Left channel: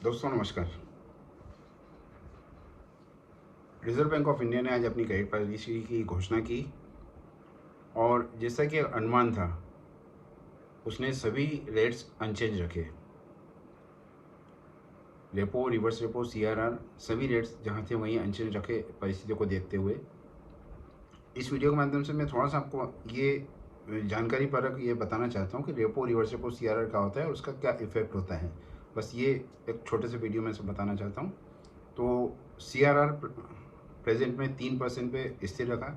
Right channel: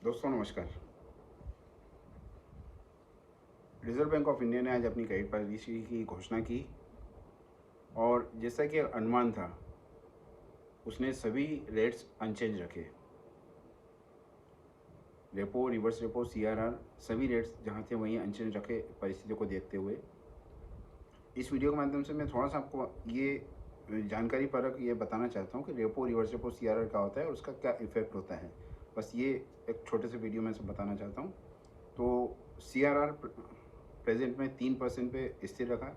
दोस्तों नमस्कार। Reserve bank of India ने आज अपनी क्रेडिट पॉलिसी की घोषणा की और जैसा कि अनुमान था उसने सभी रेट्स अनचेंज रखे। रेपो, रिवर्स रेपो, सीआरआर सभी रेट्स जहां थे वहीं अनचेंज रखे परिस्थितियों को देखते हुए। इस वीडियो के माध्यम से मैं थोड़ा सा आपको ये जानकारी परक ये बताना चाहता हूँ कि रेपो, रिवर्स रेपो, सीआरआर क्या होता है और उसका क्या इफेक्ट होता है। बस ये एक छोटे से वीडियो में से बताना चाहता हूँ। तो सीआरआर प्रेजेंट में 3% पे स्थिर रखा,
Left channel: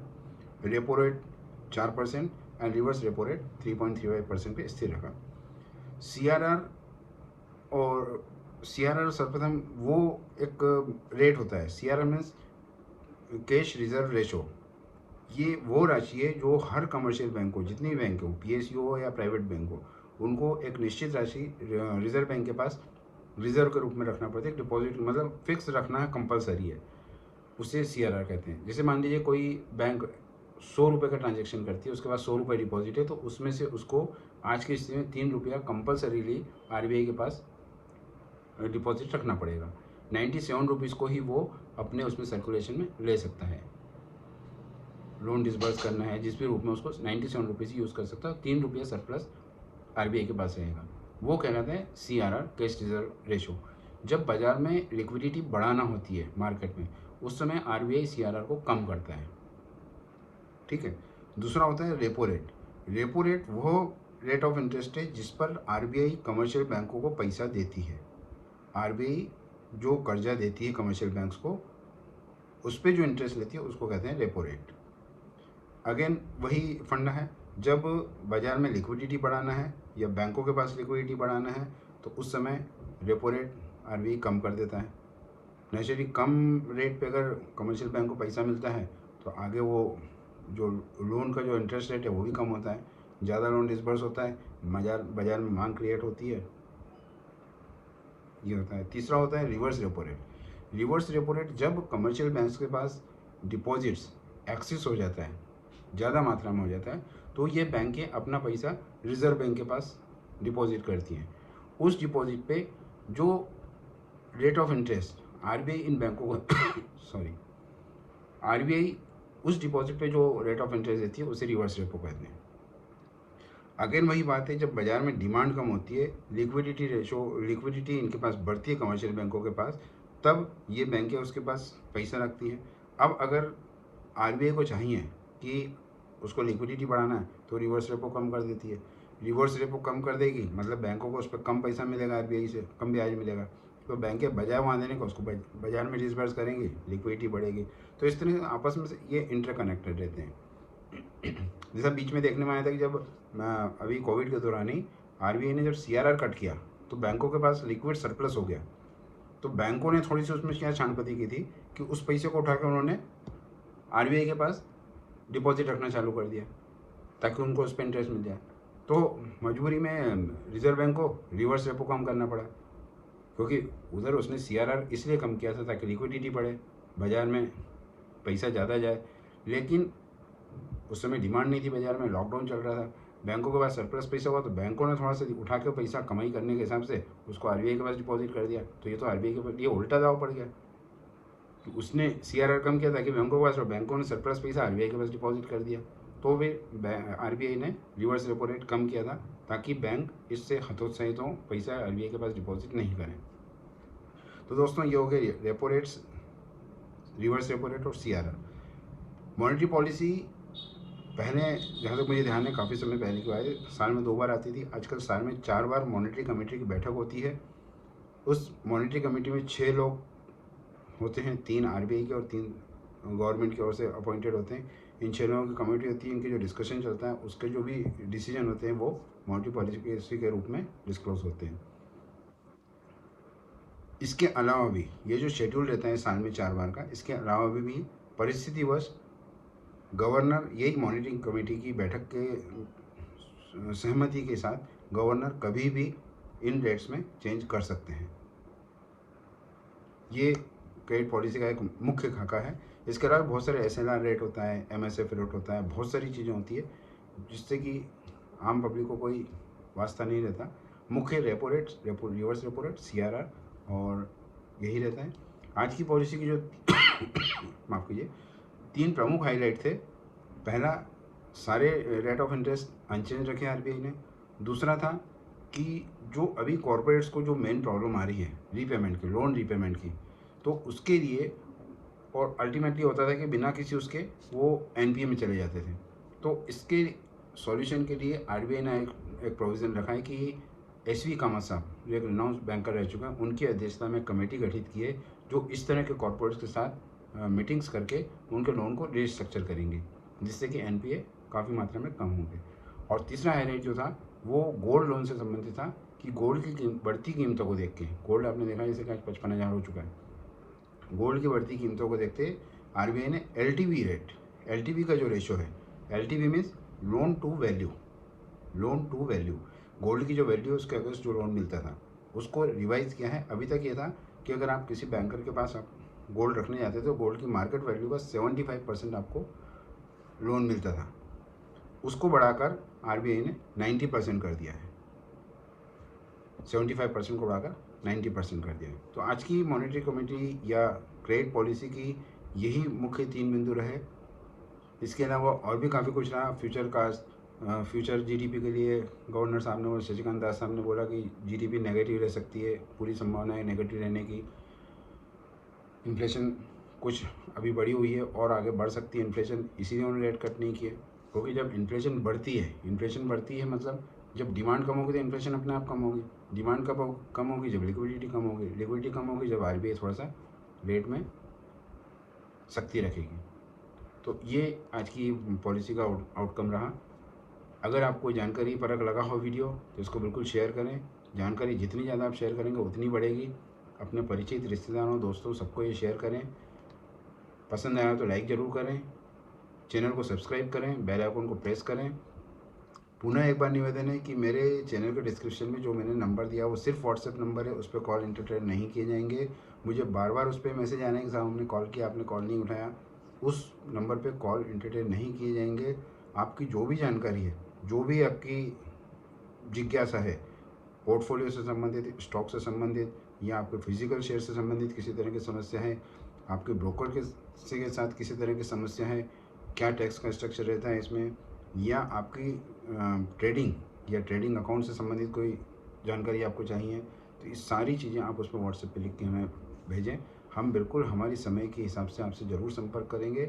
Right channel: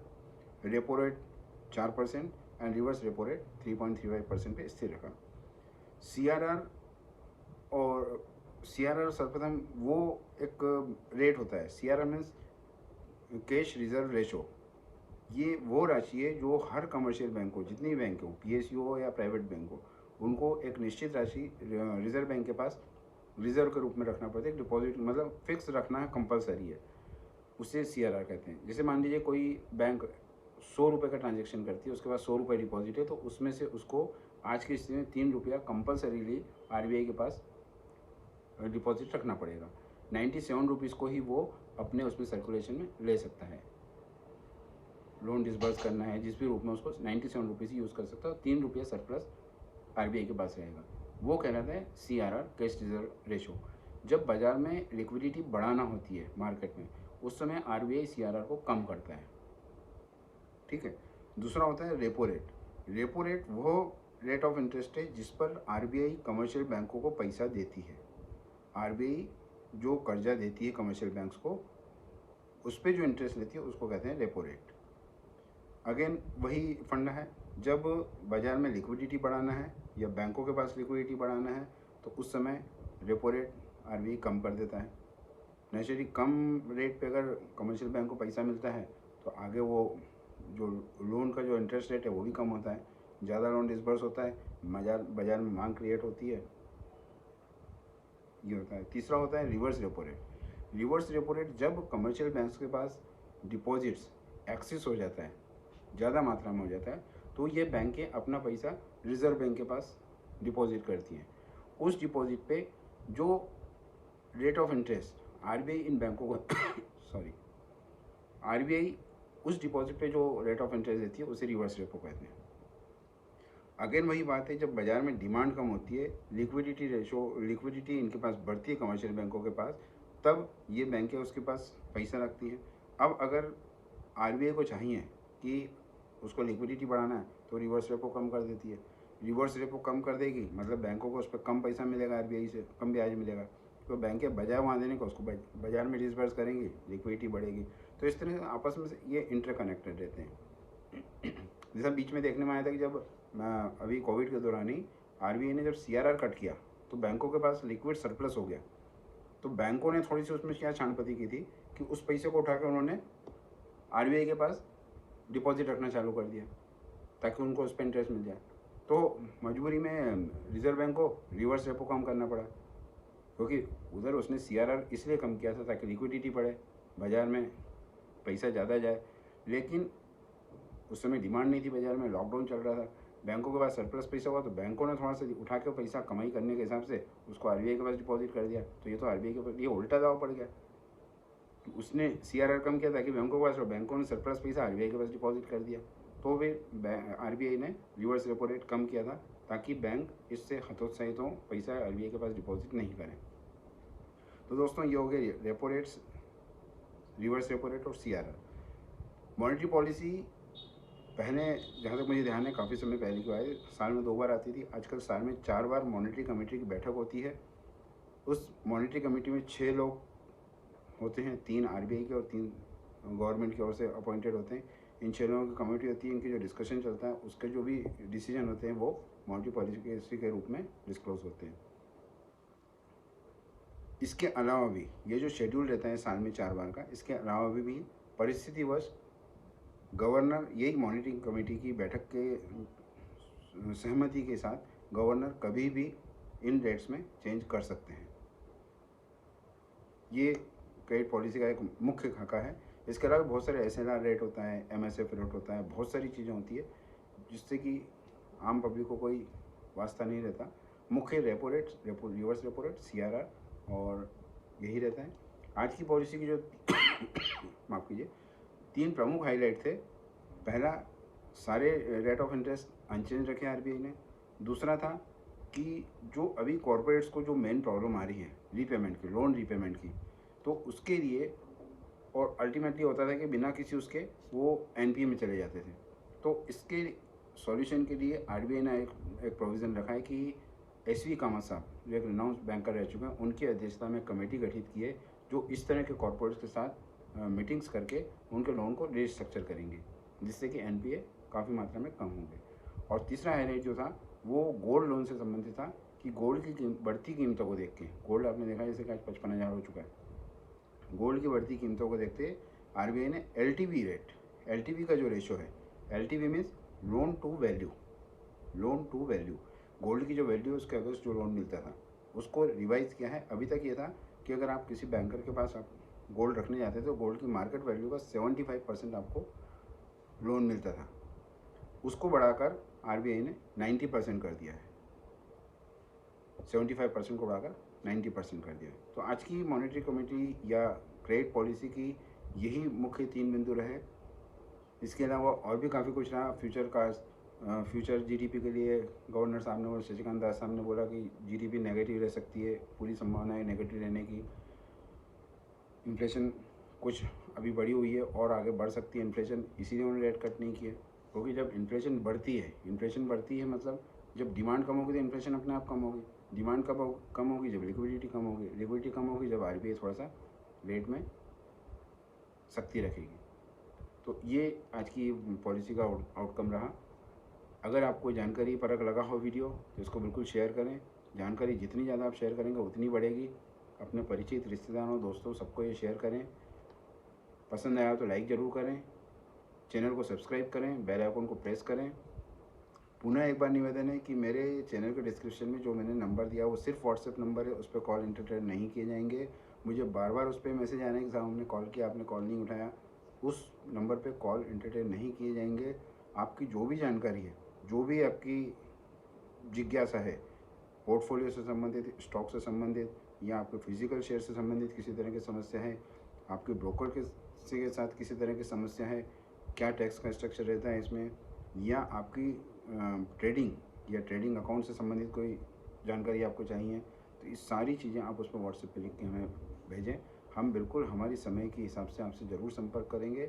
repo rate 4% and reverse repo rate 3.35% पे स्थिर रखा। सीआरआर और सीआरआर सर्वप्रथम वो एक रेट होता है। CRR means cash reserve ratio. ये वो राशि है जो हर कमर्शियल बैंक हो, जितनी बैंक हो, पीएसयू हो या प्राइवेट बैंक हो, उनको एक निश्चित राशि रिजर्व बैंक के पास रिजर्व के रूप में रखना पड़ता है। डिपॉजिट मतलब फिक्स रखना है, कंपलसरी है, उसे सीआरआर कहते हैं। जैसे मान लीजिए कोई बैंक 100 रुपये का ट्रांजेक्शन करती है, उसके पास 100 रुपये डिपॉजिट है, तो उसमें से उसको आज की स्थिति में 3 रुपया कंपलसरीली आरबीआई के पास डिपॉजिट रखना पड़ेगा। 97 रुपीज़ को ही वो अपने उसमें सर्कुलेशन में ले सकता है। लोन डिसबर्स करना है जिस भी रूप में उसको 97 रुपीज़ ही यूज़ कर सकता है। 3 रुपया सरप्लस आरबीआई के पास रहेगा। वो कहलाता है सीआरआर, कैश रिजर्व रेशो। जब बाजार में लिक्विडिटी बढ़ाना होती है मार्केट में, उस समय आरबीआई सीआरआर को कम करता है। ठीक है। दूसरा होता है रेपो रेट। रेपो रेट वो रेट ऑफ इंटरेस्ट है जिस पर आरबीआई कमर्शियल बैंकों को पैसा देती है। आरबीआई जो कर्जा देती है कमर्शियल बैंक्स को, उस पर जो इंटरेस्ट लेती है उसको कहते हैं रेपो रेट। अगेन वही फंडा है, जब बाजार में लिक्विडिटी बढ़ाना है या बैंकों के पास लिक्विडिटी बढ़ाना है तो उस समय रेपो रेट आरबीआई कम कर देता है। नेचुरली कम रेट पे अगर कमर्शियल बैंक को पैसा मिलता है तो आगे वो जो लोन का जो इंटरेस्ट रेट है वो भी कम होता है, ज़्यादा लोन डिसबर्स होता है, बाजार में मांग क्रिएट होती है, ये होता है। तीसरा होता है reverse repo rate. Reverse repo rate जब कमर्शियल बैंक्स के पास डिपॉजिट्स एक्सेस हो जाता है, ज़्यादा मात्रा में हो जाता है, तो ये बैंकें अपना पैसा रिजर्व बैंक के पास डिपॉजिट करती हैं। उस डिपॉजिट पे जो रेट ऑफ इंटरेस्ट आरबीआई इन बैंकों को सॉरी आरबीआई उस डिपॉजिट पे जो रेट ऑफ इंटरेस्ट देती है उसे रिवर्स रेपो कहते हैं। अगेन वही बात है, जब बाजार में डिमांड कम होती है, लिक्विडिटी इनके पास बढ़ती है कमर्शियल बैंकों के पास, तब ये बैंकें उसके पास पैसा रखती हैं। अब अगर आरबीआई को चाहिए कि उसको लिक्विडिटी बढ़ाना है तो रिवर्स रेपो कम कर देती है। रिवर्स रेपो कम कर देगी मतलब बैंकों को उस पर कम पैसा मिलेगा, आरबीआई से कम ब्याज मिलेगा, तो बैंकें बजाय वहाँ देने को उसको बाजार में डिसबर्स करेंगी, लिक्विडिटी बढ़ेगी। तो इस तरह आपस में ये इंटरकनेक्टेड रहते हैं। जैसा बीच में देखने में आया था कि जब अभी कोविड के दौरान ही आरबीआई ने जब सीआरआर कट किया तो बैंकों के पास लिक्विड सरप्लस हो गया, तो बैंकों ने थोड़ी सी उसमें क्या छानपति की थी कि उस पैसे को उठाकर उन्होंने आरबीआई के पास डिपॉजिट रखना चालू कर दिया ताकि उनको उस पर इंटरेस्ट मिल जाए। तो मजबूरी में रिजर्व बैंक को रिवर्स रेपो कम करना पड़ा, क्योंकि उधर उसने सीआरआर इसलिए कम किया था ताकि लिक्विडिटी बढ़े, बाज़ार में पैसा ज़्यादा जाए, लेकिन उस समय डिमांड नहीं थी बाज़ार में, लॉकडाउन चल रहा था, बैंकों के पास सरप्लस पैसा हुआ तो बैंकों ने थोड़ा सा उठा के पैसा कमाई करने के हिसाब से उसको आरबीआई के पास डिपॉजिट कर दिया। तो ये तो आरबीआई के लिए उल्टा दाव पड़ गया कि उसने सीआरआर कम किया ताकि बैंकों के पास, और बैंकों ने सरप्लस पैसा आरबीआई के पास डिपॉजिट कर दिया। तो फिर आरबीआई ने रिवर्स रेपो रेट कम किया था ताकि बैंक इससे हतोत्साहित हों, पैसा आरबीआई के पास डिपॉजिट नहीं करें। तो दोस्तों ये हो गए repo rates, reverse repo rate और सीआरआर। मॉनेटरी पॉलिसी पहले, जहाँ तक मुझे ध्यान है, काफ़ी समय पहले की बात है, साल में 2 बार आती थी, आजकल साल में 4 बार मॉनेटरी कमेटी की बैठक होती है। उस मॉनेटरी कमेटी में 6 लोग होते हैं, 3 आरबीआई के और 3 गवर्नमेंट की ओर से अपॉइंटेड होते हैं। इन 6 लोगों की कमेटी होती है, इनके जो डिस्कशन चलता है उसके जो भी डिसीजन होते हैं वो मॉनेटरी पॉलिसी के रूप में डिस्क्लोज होते हैं। इसके अलावा भी ये जो शेड्यूल रहता है साल में 4 बार का, इसके अलावा भी परिस्थितिवश गवर्नर, यही मॉनिटरिंग कमेटी की बैठक के सहमति के साथ गवर्नर कभी भी इन रेट्स में चेंज कर सकते हैं। ये क्रेडिट पॉलिसी का एक मुख्य खाका है। इसके अलावा बहुत सारे एसएलआर रेट होता है, एमएसएफ रेट होता है, बहुत सारी चीज़ें होती है जिससे कि आम पब्लिक को कोई वास्ता नहीं रहता। मुख्य repo rate, reverse repo rate, CRR और यही रहता है आज की पॉलिसी की जो माफ़ कीजिए 3 प्रमुख हाईलाइट थे। पहला, सारे रेट ऑफ इंटरेस्ट अनचेंज रखे आरबीआई ने। दूसरा था कि जो अभी कॉरपोरेट्स को जो मेन प्रॉब्लम आ रही है रीपेमेंट की, लोन रीपेमेंट की, तो उसके लिए और अल्टीमेटली होता था कि बिना किसी उसके वो एनपीए में चले जाते थे। तो इसके सॉल्यूशन के लिए आरबीआई ने एक प्रोविज़न रखा है कि एसवी कामत साहब जो एक रिनाउंस बैंकर रह चुके हैं, उनकी अध्यक्षता में कमेटी गठित की है जो इस तरह के कॉरपोरेट्स के साथ मीटिंग्स करके उनके लोन को रीस्ट्रक्चर करेंगे, जिससे कि एनपीए काफ़ी मात्रा में कम होंगे। और तीसरा हाईलाइट जो था वो गोल्ड लोन से संबंधित था कि गोल्ड की बढ़ती कीमतों को देख के, गोल्ड आपने देखा जैसे कि आज 55,000 हो चुका है, गोल्ड की बढ़ती कीमतों को देखते आरबीआई ने एलटीवी रेट, एलटीवी का जो रेशो है, LTV means loan to value, loan to value, gold की जो वैल्यू है उसके अगेंस्ट जो लोन मिलता था उसको रिवाइज किया है। अभी तक ये था कि अगर आप किसी बैंकर के पास आप गोल्ड रखने जाते थे तो गोल्ड की मार्केट वैल्यू का 75% आपको लोन मिलता था, उसको बढ़ाकर आरबीआई ने 90% कर दिया है, 75% को बढ़ाकर 90% कर दिया है। तो आज की मॉनेटरी कमेटी या क्रेडिट पॉलिसी की यही मुख्य 3 बिंदु रहे। इसके अलावा और भी काफ़ी कुछ रहा। फ्यूचर जीडीपी के लिए गवर्नर साहब ने और शशिकांत दास साहब ने बोला कि जीडीपी नेगेटिव रह सकती है, पूरी संभावना है नेगेटिव रहने की। इन्फ्लेशन कुछ अभी बढ़ी हुई है और आगे बढ़ सकती है इन्फ्लेशन, इसीलिए उन्होंने रेट कट नहीं किए। क्योंकि जब इन्फ्लेशन बढ़ती है मतलब जब डिमांड कम होगी तो इन्फ्लेशन अपने आप कम होगी, डिमांड कब कम होगी जब लिक्विडिटी कम होगी, लिक्विडिटी कम होगी जब आरबीआई थोड़ा सा रेट में सख्ती रखेगी। तो ये आज की पॉलिसी का आउटकम रहा। अगर आपको जानकारी परक लगा हो वीडियो तो इसको बिल्कुल शेयर करें। जानकारी जितनी ज़्यादा आप शेयर करेंगे उतनी बढ़ेगी। अपने परिचित रिश्तेदारों दोस्तों सबको ये शेयर करें। पसंद आया तो लाइक ज़रूर करें, चैनल को सब्सक्राइब करें, बेल आइकन को प्रेस करें। पुनः एक बार निवेदन है कि मेरे चैनल के डिस्क्रिप्शन में जो मैंने नंबर दिया वो सिर्फ व्हाट्सएप नंबर है, उस पर कॉल एंटरटेन नहीं किए जाएंगे। मुझे बार बार उस पर मैसेज आने के साथ हमने कॉल किया, आपने कॉल नहीं उठाया, उस नंबर पे कॉल एंटरटेन नहीं किए जाएंगे। आपकी जो भी जानकारी है, जो भी आपकी जिज्ञासा है, पोर्टफोलियो से संबंधित, स्टॉक से संबंधित या आपके फिजिकल शेयर से संबंधित किसी तरह की समस्या है, आपके ब्रोकर के साथ किसी तरह की समस्या है, क्या टैक्स का स्ट्रक्चर रहता है इसमें, या आपकी ट्रेडिंग या ट्रेडिंग अकाउंट से संबंधित कोई जानकारी आपको चाहिए, तो ये सारी चीज़ें आप उस पर व्हाट्सएप पर लिख के हमें भेजें। हम बिल्कुल हमारी समय के हिसाब से आपसे ज़रूर संपर्क करेंगे